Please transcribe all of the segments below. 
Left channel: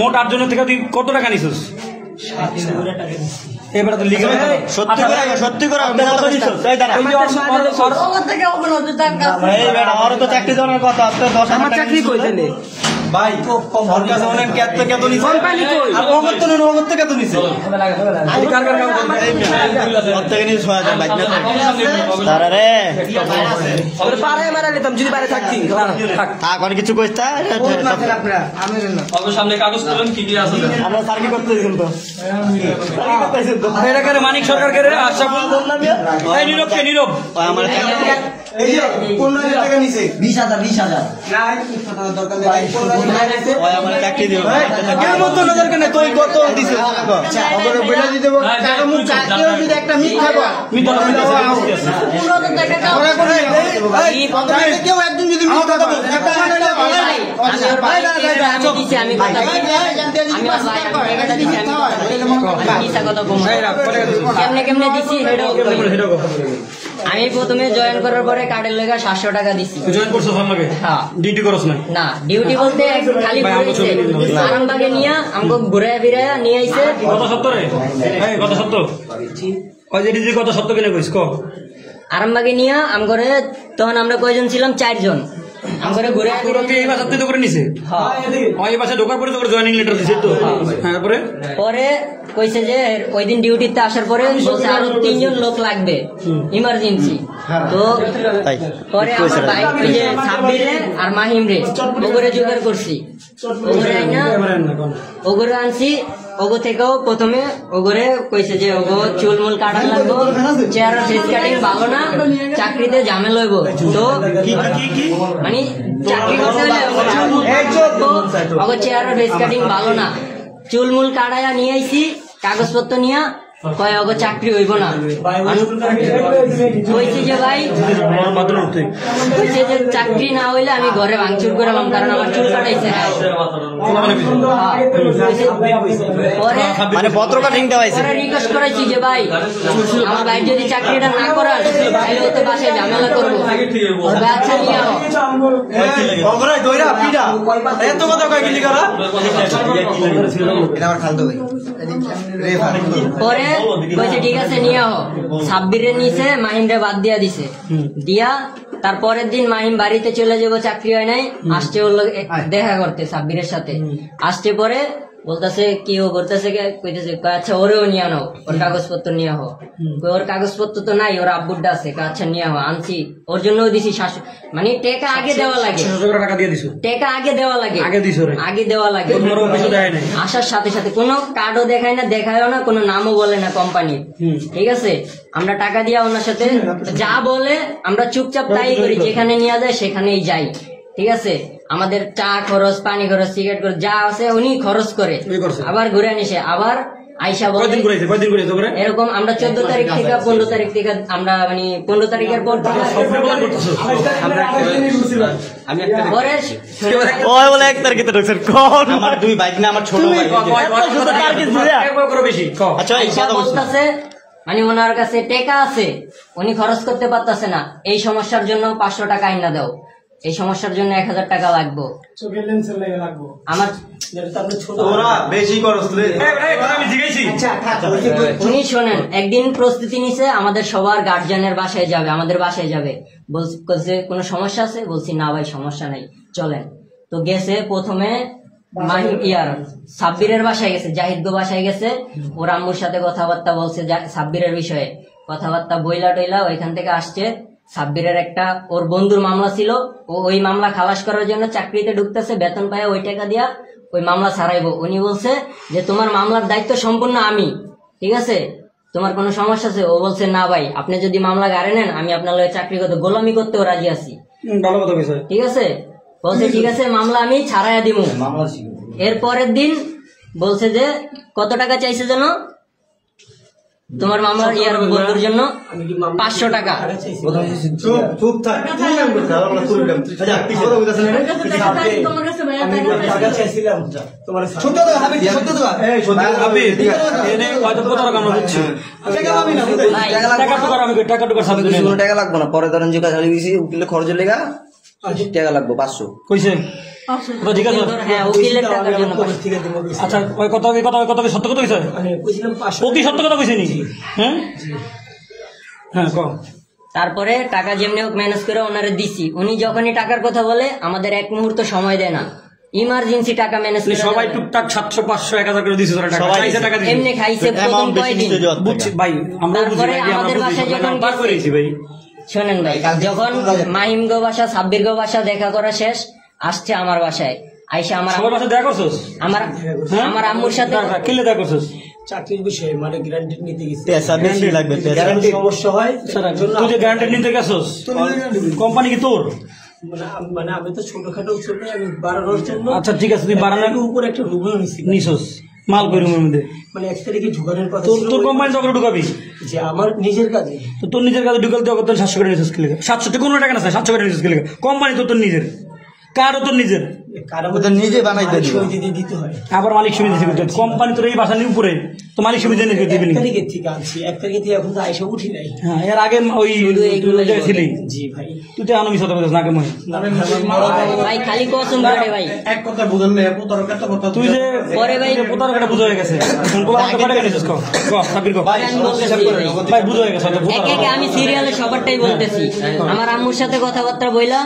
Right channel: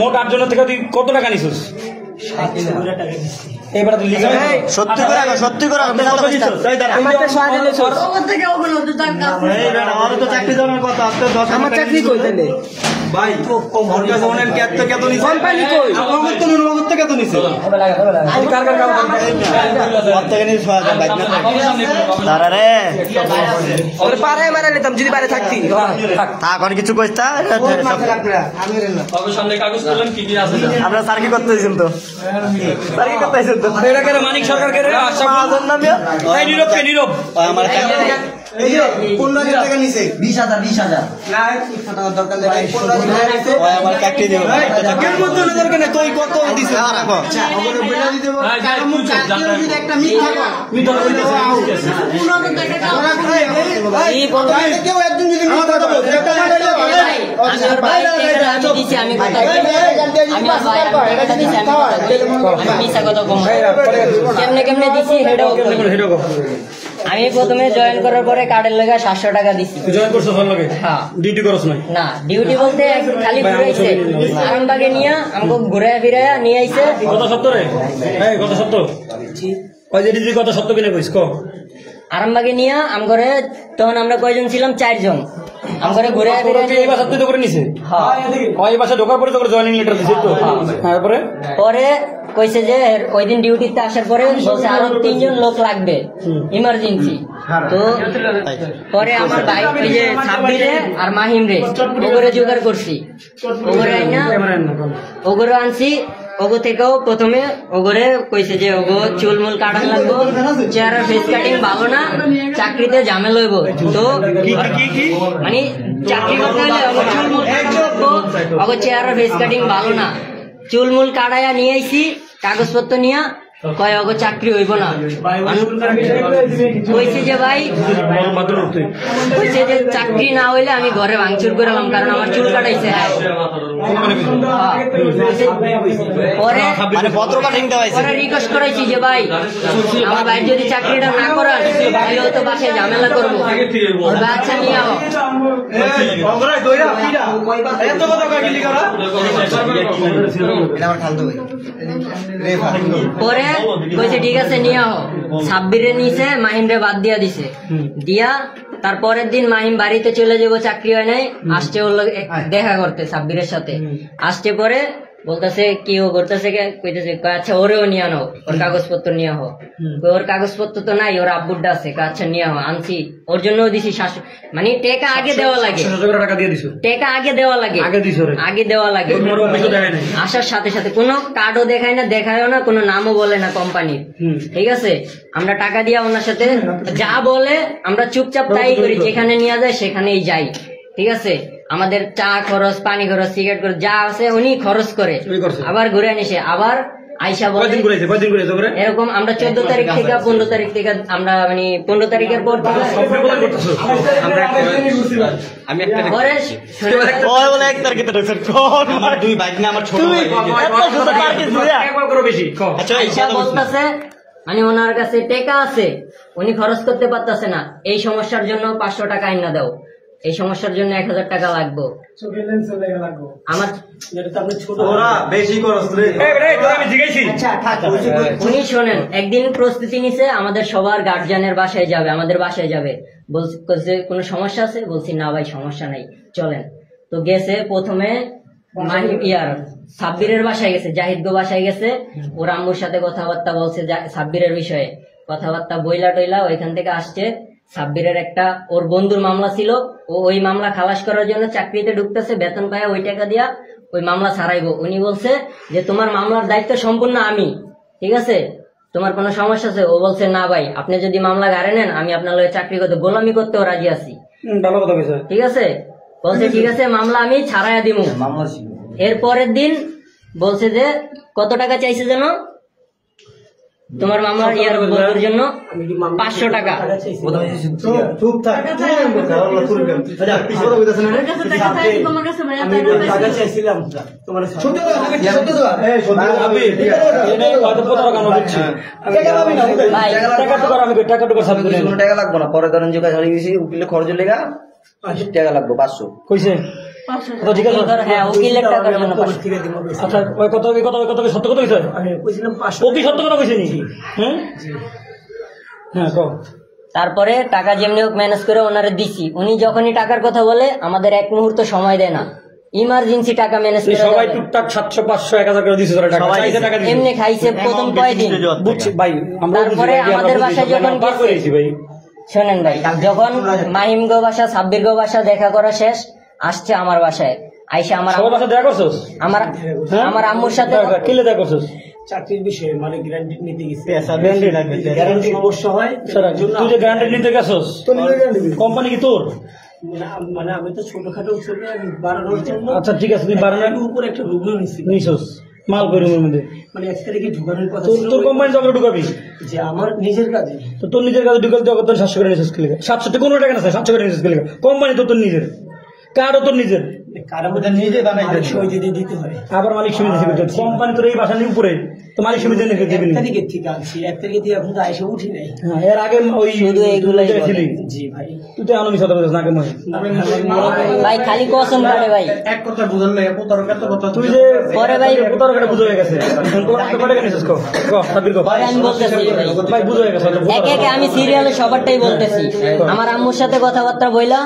মোট 8 জন থেকে তুই কত টাকা নিছিস? এবারে তো লিখা সত্যি করে রাখো, সত্যি করে রাখো। আমার তো 6,000 আমার তো চাকরি দেওয়ার কথা। আমার চাকরি কই দিলে ভাই কোম্পানি কই? পারে মারা নিতাম যদি বাইরে থাকতি। এখন কিছু কইতা আমরা স্যার কি করতে দিয়েছেন তো? মানিক সরকার নীরব আমার 15,000 টাকা নিছে 20,000 আমার চাকরি দিব তুই কত দিছে কেমনে দিচ্ছি আমি প্রথমে জয়েন করার পরে কার্ডের লেগে 700 টাকা দিচ্ছি। জয়েন করছো ভালো লাগে? হ্যাঁ। ডিউটি করছ না ডিউটি বলতে খালি আরামবাগে নিয়ে আমাকে ঘুরে ফিরে নিয়ে আইছে। কত সত্তরে? কত সত্য? কত সত্য কিনা কইস? আরামবাগে নিয়ে আম করে তখন আমরা কয়জন ছিলাম? 4 জন। আম করে ঘুরে ফিরে করে নিছে। হ্যাঁ ওই বাসে ঢোকার পরে তোর জয়েনিং লেটার দিছে তো? তারপরে পরে কইছে যে ওই দিন ডিউটিতে আসার পরে বলছে আরো 3 জন লোক লাগবে ইমার্জেন্সি। তো পরে আমার ভাই ওই যে সাব্বিরে আর মাহিমরে ওগরে জোগাড় করছি। ওগরে আইনা ওগরে আনছি। ওগো থেকেও প্রথমে ওগরে কইছে যে ওগো চুলমুল কাটান লাগবো, চেহারা ফেস কাটিং ভালো না, চাকরিতে ঝামেলা হইব। তো মানে চাকরি করতে হলে ওগো চেহারা ফেস কাটিং ভালো না, চুলমুল কাটাইয়া নিয়ে আইছি কাগজপত্র নিয়ে। কয় ওগো চাকরি হইব না। কইছে যে ভাই কইছে যে চাকরি না হইলে আমি ঘরে ভাঙচুর করলাম, কারণ আমার চুল কাটাইছে। পরে রিকোয়েস্ট করাইছি যে ভাই আমার ভাই যদি চাকরিটা না করান তাহলে তো বাসায় ঝামেলা করবো। আচ্ছা নিয়ে আও। পরে কইছে ঠিক আছে নিয়ে আও। সাব্বিরে নিছে, মাহিমরে বাদ দিয়া দিছে। দিয়া তারপরের দিন মাহিম বাড়িতে চলে যাবো, চাকরি হয় নাই। আসতে ওর দেখা করতে সাব্বিরের সাথে আসতে পরে বলতেছে কি ও করতেছে, কইতেছে আচ্ছা ওরেও নিয়ে আনো, ওর কাগজপত্র নিয়ে আহ। ওর কাগজপত্র তো নাই, ওর আব্বুরটা আছে। আচ্ছা নিয়ে আহ। আনছি, ওর জন্যও দিছি 700। মানে টাকা আগে দেওয়া লাগে, টাকা আগে দেওয়া লাগে, আগে দেওয়া লাগে। আসার সাথে সাথে কোনো কার্ডও দেখায় না, দেখায়ও না, কোনো নামও বলে না কোম্পানির। ঠিক আছে, আমরা টাকা দিয়া ওনার সাথে যা বলে আমরা চুপচাপ তাই করি, যেখানে নিয়ে যায় সেখানেই যাই। ঠিক আছে, আমাদের চা খরচ, পানি খরচ, সিগারেট খরচ যা আছে উনি খরচ করে, আবার ঘুরে আনিসে। আবার আইসা বলে এরকম আমরা 14 তারিখ থেকে 15 তারিখ থেকে আমরা মানে 15 তারিখের পর থেকে বলতেছে মানে ওনার কাছে টাকা আছে, উনি খরচ করতে পারতেছে না। এই সমস্যার জন্য 500 টাকা আইনা দাও, এই সমস্যার জন্য 1000 টাকা লাগবো। আমার উনি শোনেন, একদিন প্রস্তুতি নিছে আমাদের সবার গার্জিয়ানের বাসায় যাবে, আমাদের বাসায় যাবে। বলছে কোনো সমস্যা আছে? বলছি না ভাই সমস্যা নাই, চলেন। তো গেছে প্রথমে মাহিম সাব্বিরের বাসায় গেছে, জাহিদ গো বাসায় গেছে। ওর আম্মুর সাথে কথাবার্তা বলছে সাব্বিরের বিষয়ে, কথাবার্তা বইলা টইলা ওইখান থেকে আসছে। সাব্বিরের একটা ওর বন্ধুর মামলা ছিল, ও ওই মামলা খালাস করার জন্য চাকরিতে ঢুকতেছে, বেতন পায় ওই টাকা দিয়া ওই মামলা ছাড়াইবো। উনি বলছে যে তোমার মামলার দায়িত্ব সম্পূর্ণ আমি, ঠিক আছে, তোমার কোনো সমস্যা আছে? ও বলছে না ভাই, আপনি যদি মামলা গাড়ে নেন আমি আপনার লগে চাকরি করতে গোলামি করতেও রাজি আছি। ঠিক আছে, বলছে ঠিক আছে মামলা আমি ছাড়াইয়া দিব। এর পরের দিন বলছে যে কত টাকা চাইছে যেন তোমার মামলার ইয়ার বন্ধুর জন্য 500 টাকা। টাকা লাগবো না, পরে ধরেন যে উকিলের খরচের লেগা টাকা লাগবো 500 কইছে। তো জিজ্ঞাসা উকিল ধর, হ্যাঁ উকিলের টাকার জন্য পাঠাইছে। আচ্ছা ওই কথা সত্য কথা কইছে ও কি সত্য কথা কইছে নাকি? হ্যাঁ হ্যাঁ কও। তারপরে টাকা যেমনি হোক ম্যানেজ করে ওনারে দিছি। উনি যখনই টাকার কথা বলে আমাদের এক মুহূর্ত সময় দেয় না, ইমার্জেন্সি টাকা ম্যানেজ তুই করে সবাই দেয়। টুকটাক 700 500 1000 করে দিছিস ওরা টাকা চাইছে টাকা দিছিস। এমনি খাইছে প্রথম কয়দিন। বুঝছি ভাই আমরা তারপরে আমাদের বাসায় যখন পার গেছে, করেছি ভাই শোনেন ভাই, যখন মাহিম গো বাসা সাব্বির গো বাসা দেখা করা শেষ, আসছে আমার বাসায় আইসা সবার বাসা দেখা করছস? আমার আম্মুর সাথে কি দেখা করছস? চাকরির বিষয়ে মানে গ্যারান্টি নিতে গেছি, পেশা বেশি লাগবে সমস্যা হয় তুই যে গ্যারান্টি নিতে গেছস কোম্পানি কি তোর? মানে আমি তো ছোটখাটো ছোট বাড়ানোর জন্য। আচ্ছা ঠিক আছে তুই বাড়ানা উপরে একটা রুগও নিছি, নিছস মাল কই রুমের মধ্যে মানে 1 তারিখে ঢুকানোর কথা তোর ছিল। তোর কোম্পানি তো ঢুকাবি যে আমার নিজের কাজে তো তোর নিজের কাছে ঢুকাল তো কত 700 করে নিছস কি লাগা? 700 টাকা কোনো টাকা না 700 করে নিছস কি লাগা? কোম্পানি তো তোর নিজের, কারও তোর নিজের, কারাবো নিজে বানাইতে দিতে হয়। আবার মালিক সমিতি থেকে দিতে। কোম্পানি তোর এই বাসা নিয়ে উপরে তো মালিক সমিতি নিয়ে দিবি 1 না। তারিখের থেকে আনছি, 1 তারিখে থেকে এখন তো আইসা উঠি নাই। হ্যাঁ এর আগে ওই শুধু এইগুলাই বলে। ছিলি জি ভাই, তুই তো আনমি সাথে বলছিস না কেন? ভাই খালি কসম কাটে ভাই। এক কথা বুঝান না এত তরকার তো কথা তুই যে পরে ভাই কত টাকা বুঝে হয়ে গেছে কত টাকা নিছস কো সাবির কো পরে আমি বলতেছি ভাই। ভাই বুঝে হয়ে গেছে একে একে আমি সিরিয়ালে সবারটাই বলতেছি। আমার আম্মুর সাথে কথাবার্তা বইলা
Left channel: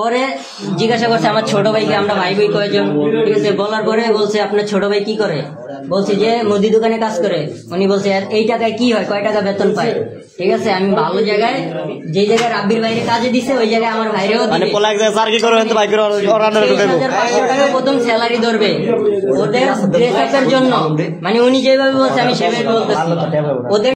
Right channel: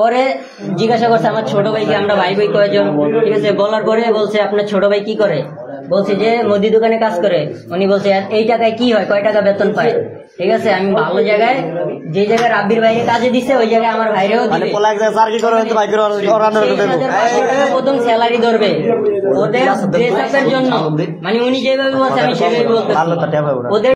পরে জিজ্ঞাসা করছে আমার ছোট ভাইকে, আমরা ভাই ভাই কয়জন, ঠিক আছে। বলার পরে বলছে আপনার ছোট ভাই কি করে, বলছে যে মুদি দোকানে কাজ করে। উনি বলছে এই টাকায় কি হয়, কয় টাকা বেতন পায়, ঠিক আছে। আমি ভালো জায়গায়, যে জায়গায় রাব্বির বাইরে কাজে দিছে ওই জায়গায় আমার ভাইরেও দিবে। 23,500 প্রথম স্যালারি ধরবে ওদের ড্রেস আপের জন্য, মানে উনি যেভাবে বলছে আমি সেভাবে বলতেছি। ওদের